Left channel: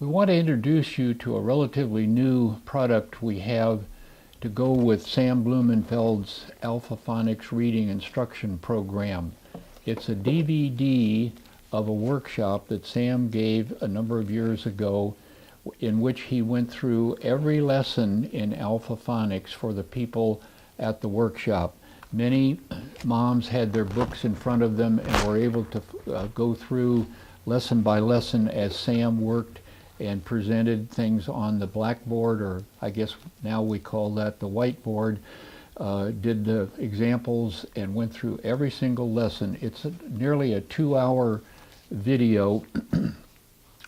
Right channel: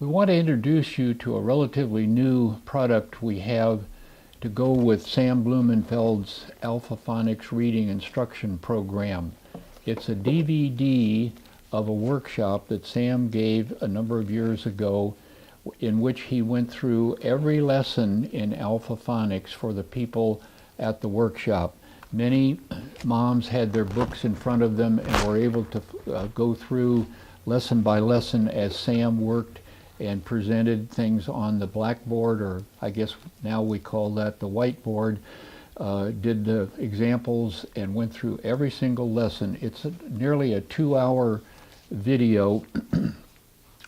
We want to introduce you to a relatively new product we have to go with Sam Blumenfeld's Alpha Phonics Reading Instruction Program. It's a DVD of a workshop that Sam gave a number of years ago in which he went through every lesson in Alpha Phonics for the people at the workshop. Many moms had their books in front of them and were able to go through lesson by lesson as Sam worked and presented things on the blackboard, or I guess now we call that the whiteboard, did the examples and went through every single lesson. It's nearly a 2-hour video.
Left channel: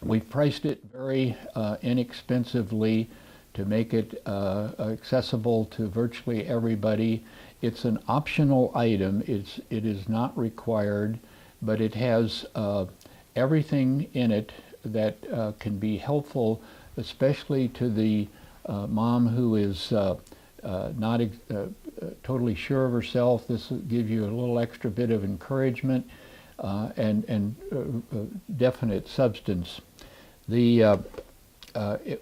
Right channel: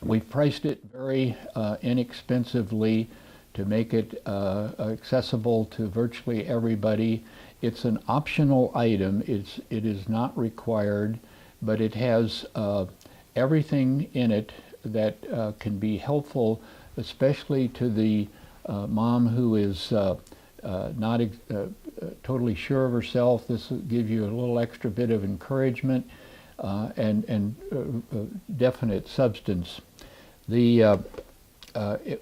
We've priced it very inexpensively to make it accessible to virtually everybody. It's an optional item. It is not required, but it has everything in it that can be helpful, especially to the mom who is not totally sure of herself. This will give you a little extra bit of encouragement and definite substance. We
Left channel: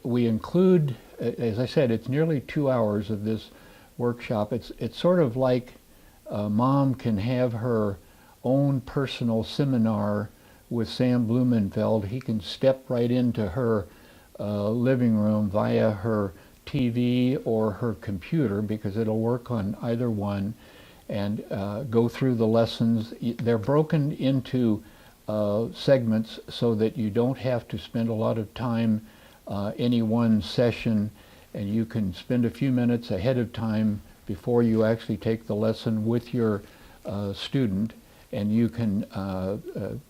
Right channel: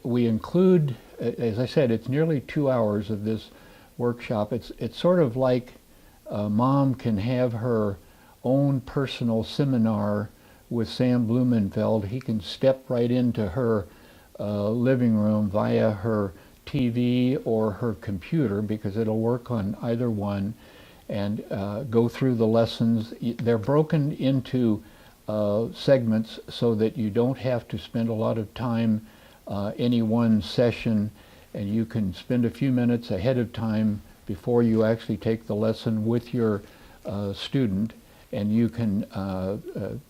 include, as I said, it's nearly 2 hours of this workshop. It's sort of like a mom can have her own personal seminar with Sam Blumenfeld. He can step right into her living room via her TV or her computer, because it'll work on either one, and go through the lessons. They're broken into segments so that you don't have to spend a lot of time any one session, and you can spend a few minutes ahead of time before you actually take the lesson with your student, and you can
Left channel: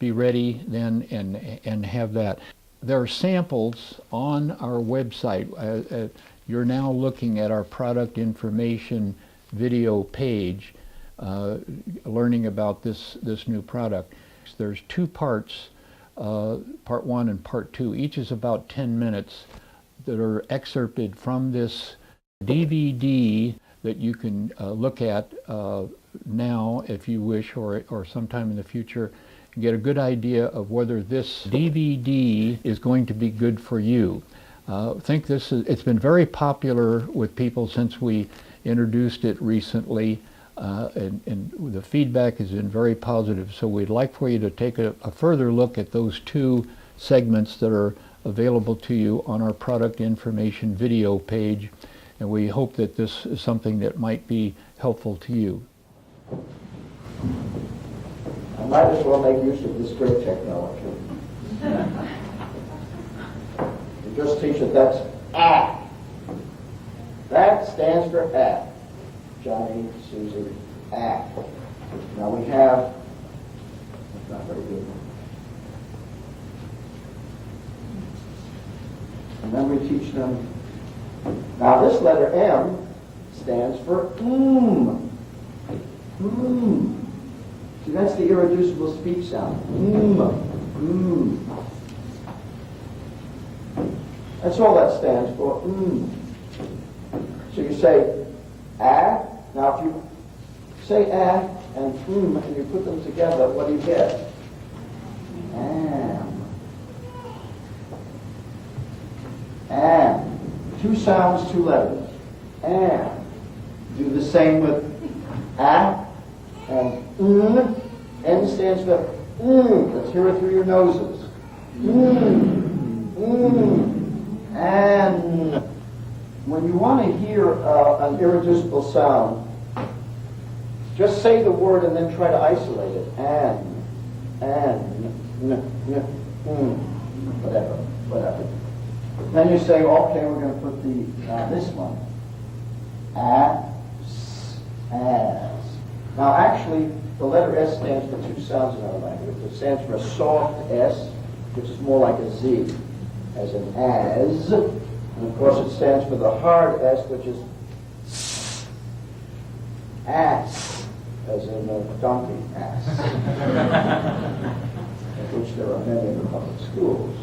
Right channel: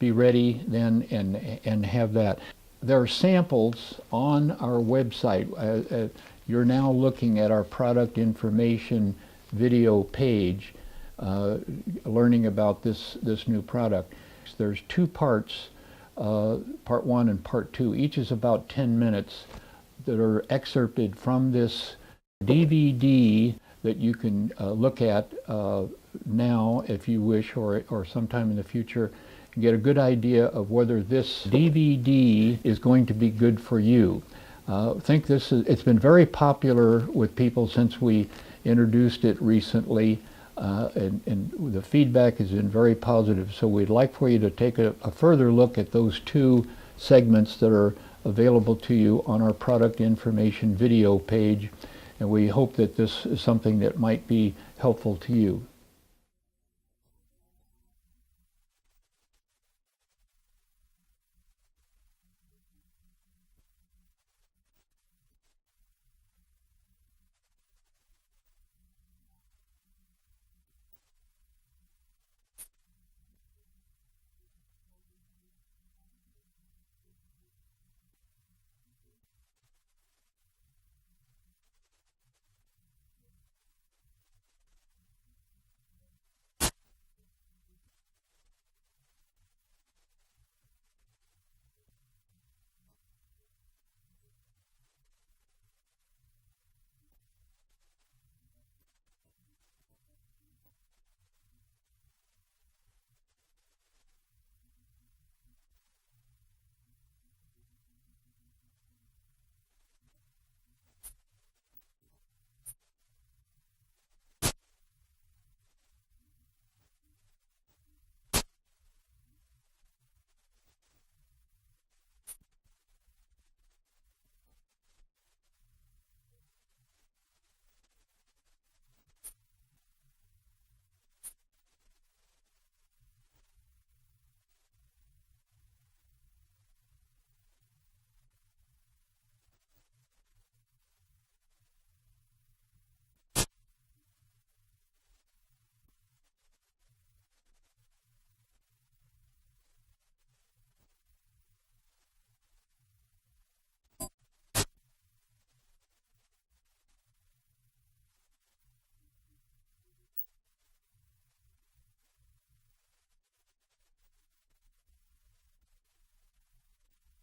be ready then and have that. There are samples on our website. You're now looking at our product information video page, learning about this new product. There's 2 parts, part 1 and part 2. Each is about 10 minutes that are excerpted from this DVD that you can look at now if you wish, or sometime in the future, and get a good idea of whether this DVD is going to be good for you. It's been very popular with people since we introduced it recently, and the feedback has been very positive. So we'd like for you to take a further look at those 2 segments that are available to you on our product information video page, and we hope that this is something that might be helpful to you. I might as well make use of this great technology. You just teach it that's A. That stands for A. Johnny, Susie, A. Now we have, that's not very good. And then we teach them, now this letter M stands for See, that's the irreducible speech sound. That's all that stands for. So you say A. Now if you say A and you put them together, what do you get? And. 2 sounds, 2 letters. And. Do the same with A and N stands for Let's hear it through your noses. And when you want to hear an irreducible sound, just say the word and then try to isolate it. Whatever. Then you say, okay, we're going to put this one. As. Now, actually, the letter S stands for 2 sounds in our language. It stands for a soft S, which is more like a Z, as in as. And, of course, it stands for the hard S, which is ass, as in a donkey ass, of which there are many in the public schools.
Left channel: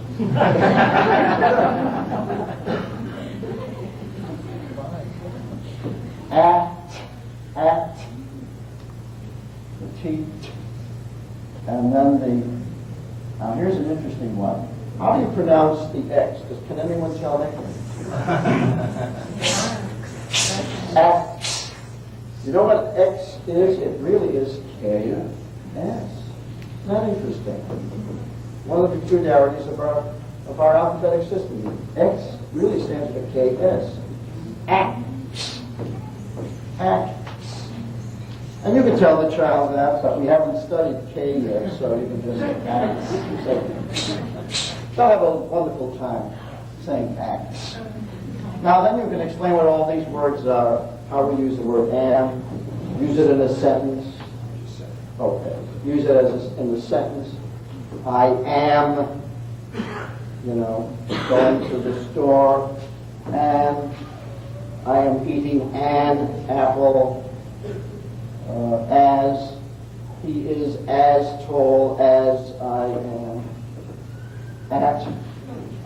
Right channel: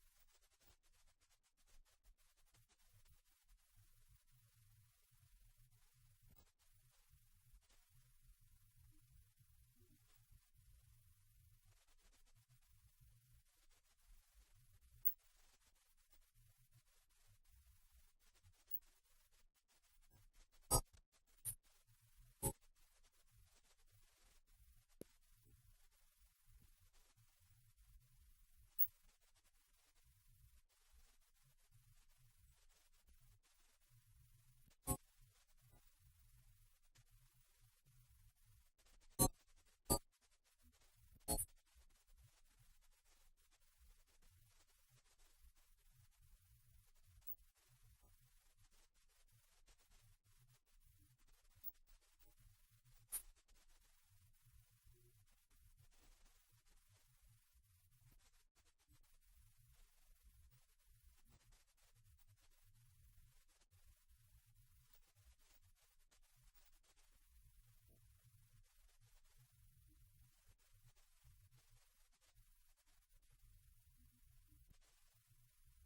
At, the teeth, and then now here's an interesting one. How do you pronounce the X? Can anyone tell me? X. You know what X is? It really is KS. Isn't that interesting? One of the peculiarities of our alphabetic system. X really stands for KS. X. X. And you can tell the child that, but we haven't studied K yet, so you can just say, they'll have a wonderful time saying X. Now then you can explain what all these words are, how we use the word am, use it in a sentence. Okay. Use it in the sentence. I am, going to the store, and I am eating an apple. As he is as tall as I am. At,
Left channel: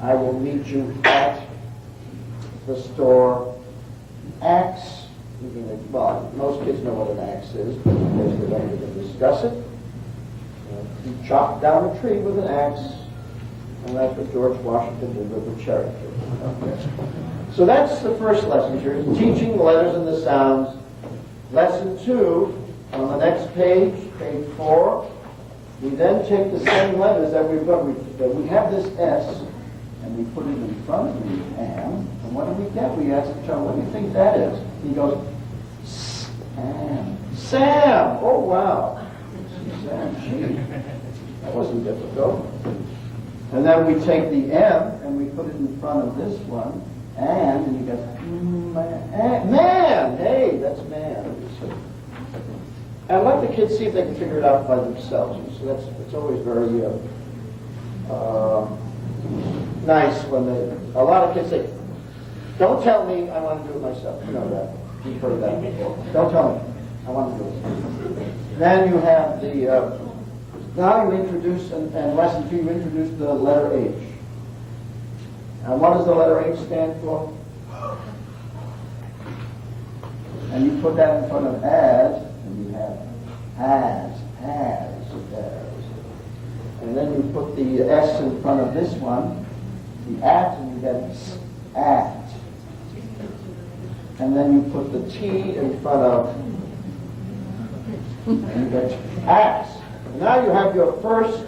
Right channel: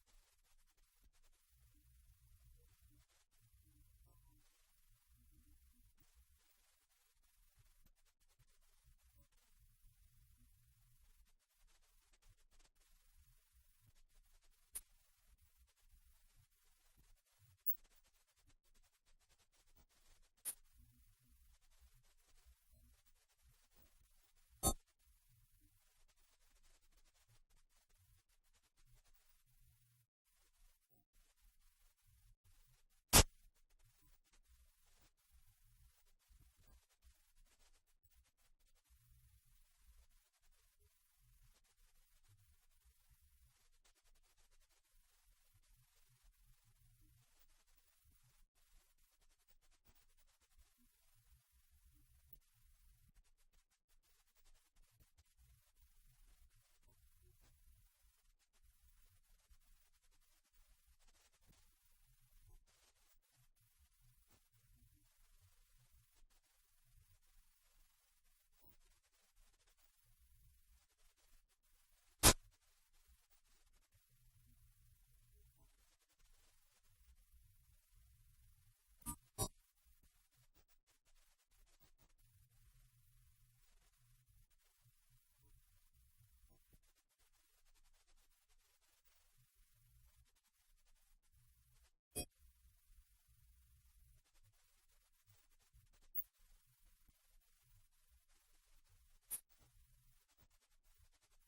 I will meet you at the store. Axe, well, most kids know what an axe is, but in case they don't even discuss it. You chop down a tree with an axe, and that's what George Washington did with the cherry tree. Okay. So that's the first lesson. You're teaching the letters and the sounds. Lesson 2, on the next page, page 4, we then take the same letters that we've got. We have this S, and we put it in front of the am, and what do we get? We ask the child, what do you think that is? He goes, Sam. Sam! Oh, wow. Sam, gee. That wasn't difficult. And then we take the M, and we put it in front of this one, and he goes, man! Hey, that's man. And let the kids see if they can figure it out by themselves. So it's always very nice when a lot of kids say, don't tell me, I want to do it myself. You know that. You've heard that before. Don't tell me, I want to do it. Then you have now you introduce, and lesson 2, you introduce the letter H. And what does the letter H stand for? And you put that in front of as, and you have as. And then you put the S in front of this one, the at, and you get at. And then you put the T in front of, and you get ax. And now you have your first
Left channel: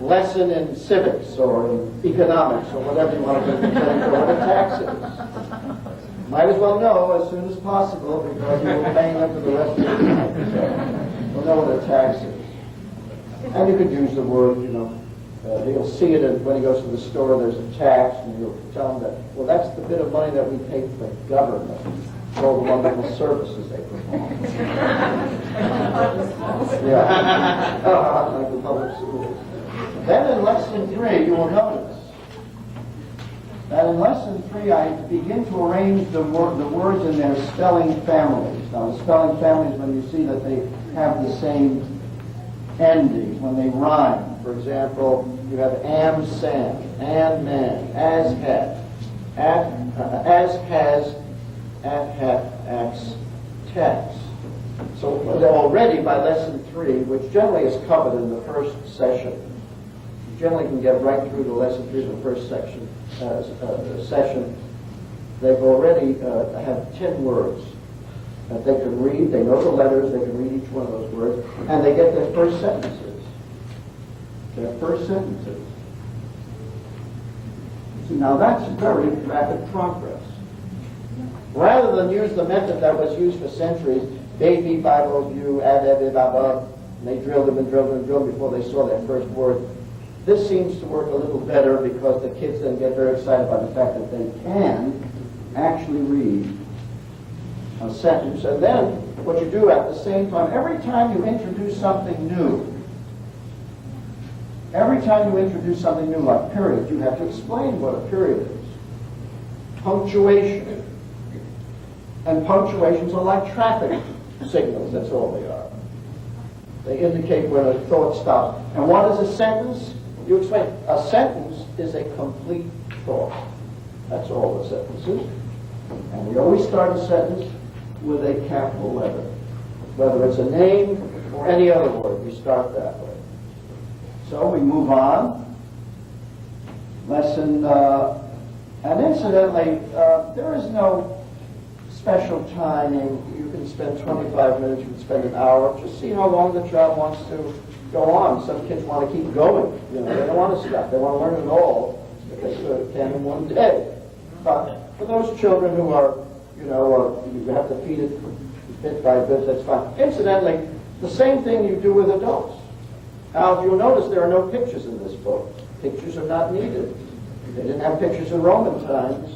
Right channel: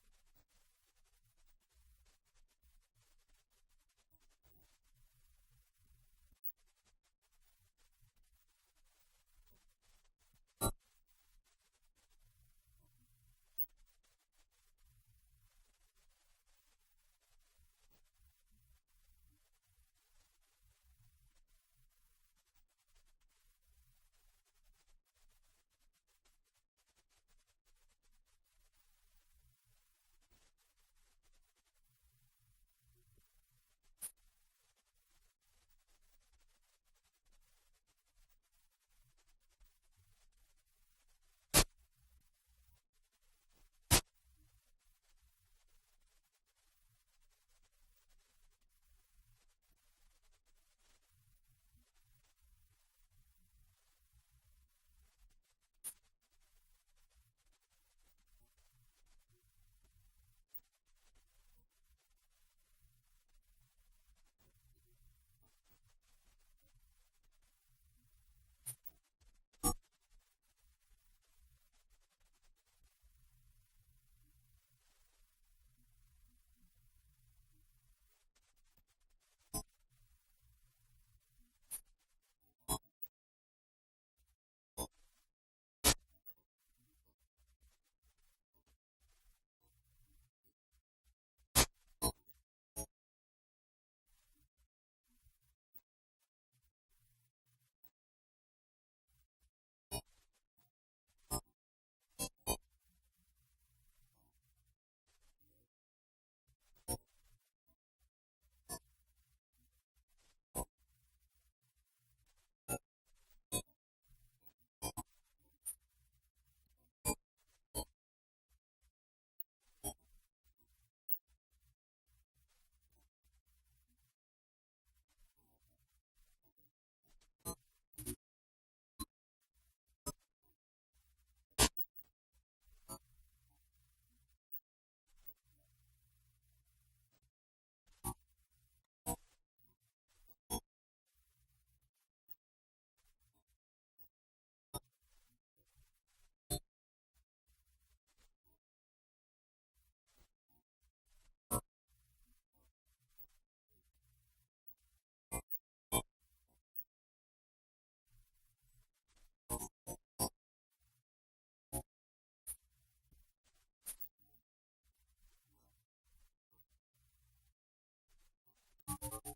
lesson in civics or in economics or whatever you want to do, what a tax is. Might as well know as soon as possible because you will pay them for the rest of your life. So you'll know what a tax is. And you could use the word, he'll see it when he goes to the store, there's a tax, and you'll tell him that, well, that's the bit of money that we pay for the government for all the wonderful services they perform. Yeah. Like the public schools. Then in lesson 3, you will notice that in lesson 3, I begin to arrange the words in their spelling families. Now, the spelling families, when you see that they have the same endings, when they rhyme. For example, you have am, sam, and man, as had, as has, at hat, ax, tax. So already by lesson 3, which generally is covered in the first session, you generally can get right through to lesson 3 of the first session, they've already have 10 words that they can read. They know the letters, they can read each one of those words, and they get their first sentences. See, now that's very rapid progress. Rather than use the method that was used for centuries, baby, Bible, view, and they drilled them and drilled them and drilled before they saw their first word. This seems to work a little better because the kids then get very excited by the fact that they can actually read a sentence. And then what you do at the same time, every time you introduce something new, like period, you have to explain what a period is. Punctuation. And punctuations are like traffic signals, that's all they are. They indicate when a thought stops. And what is a sentence? You explain. A sentence is a complete thought. That's all a sentence is. And we always start a sentence with a capital letter. Whether it's a name or any other word, we start that way. So we move on. lesson. And incidentally, there is no special timing. You can spend 25 minutes, you can spend an hour. Just see how long the child wants to go on. Some kids want to keep going. You know, they don't want to stop. They want to learn it all because they can in one day. But for those children who are, you know, you have to feed it bit by bit, that's fine. Incidentally, the same thing you do with adults. Now, if you'll notice, there are no pictures in this book. Pictures are not needed. They didn't have pictures in Roman times.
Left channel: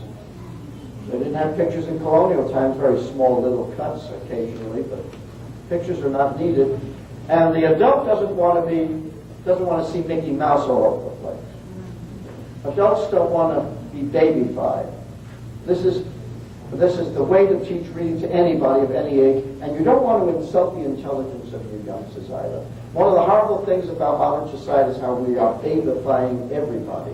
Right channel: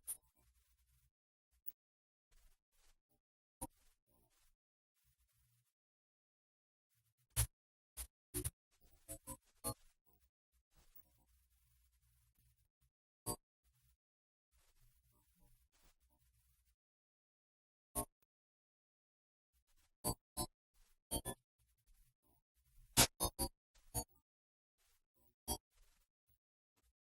They didn't have pictures in colonial times, very small little cuts occasionally, but pictures are not needed. And the adult doesn't want to see Mickey Mouse all over the place. Adults don't want to be babyfied. This is the way to teach reading to anybody of any age, and you don't want to insult the intelligence of your youngsters either. One of the horrible things about modern society is how we are babyfying everybody.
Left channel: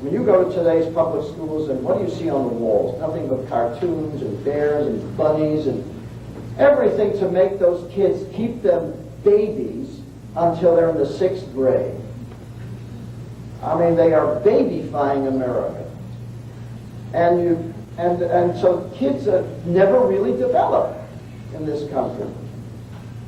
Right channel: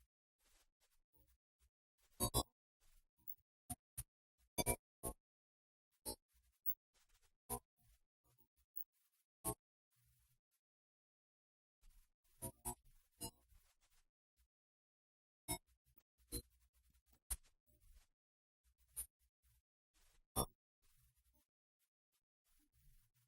When you go to today's public schools, and what do you see on the walls? Nothing but cartoons and bears and bunnies and everything to make those kids keep them babies until they're in the 6th grade. I mean, they are babyfying America. And so kids never really develop in this country.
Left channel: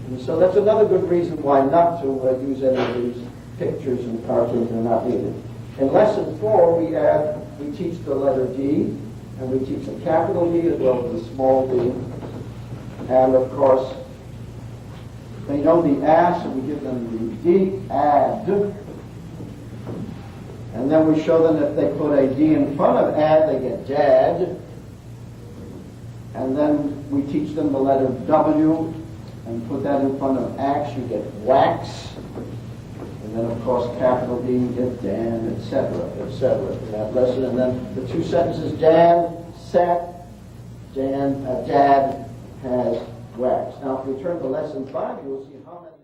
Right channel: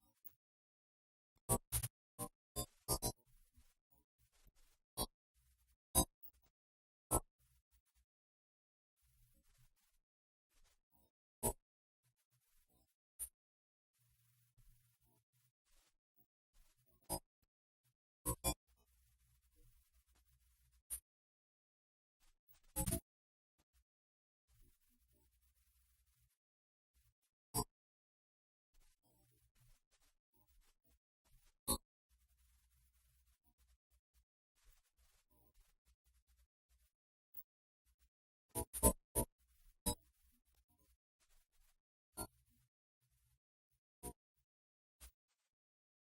And so that's another good reason why not to use any of these pictures and cartoons that are not needed. In lesson 4, we teach the letter D, and we teach the capital D as well as the small d. And of course, they know the A, so we give them the D, add. And then we show them if they put a D in front of add, they get dad. And then we teach them the letter W, and put that in front of ax, you get wax. And then, of course, capital D, you get Dan, etc., in that lesson. And then the 2 sentences, Dan sat, Dad has wax. Now, if we turn to lesson 5, you'll see how many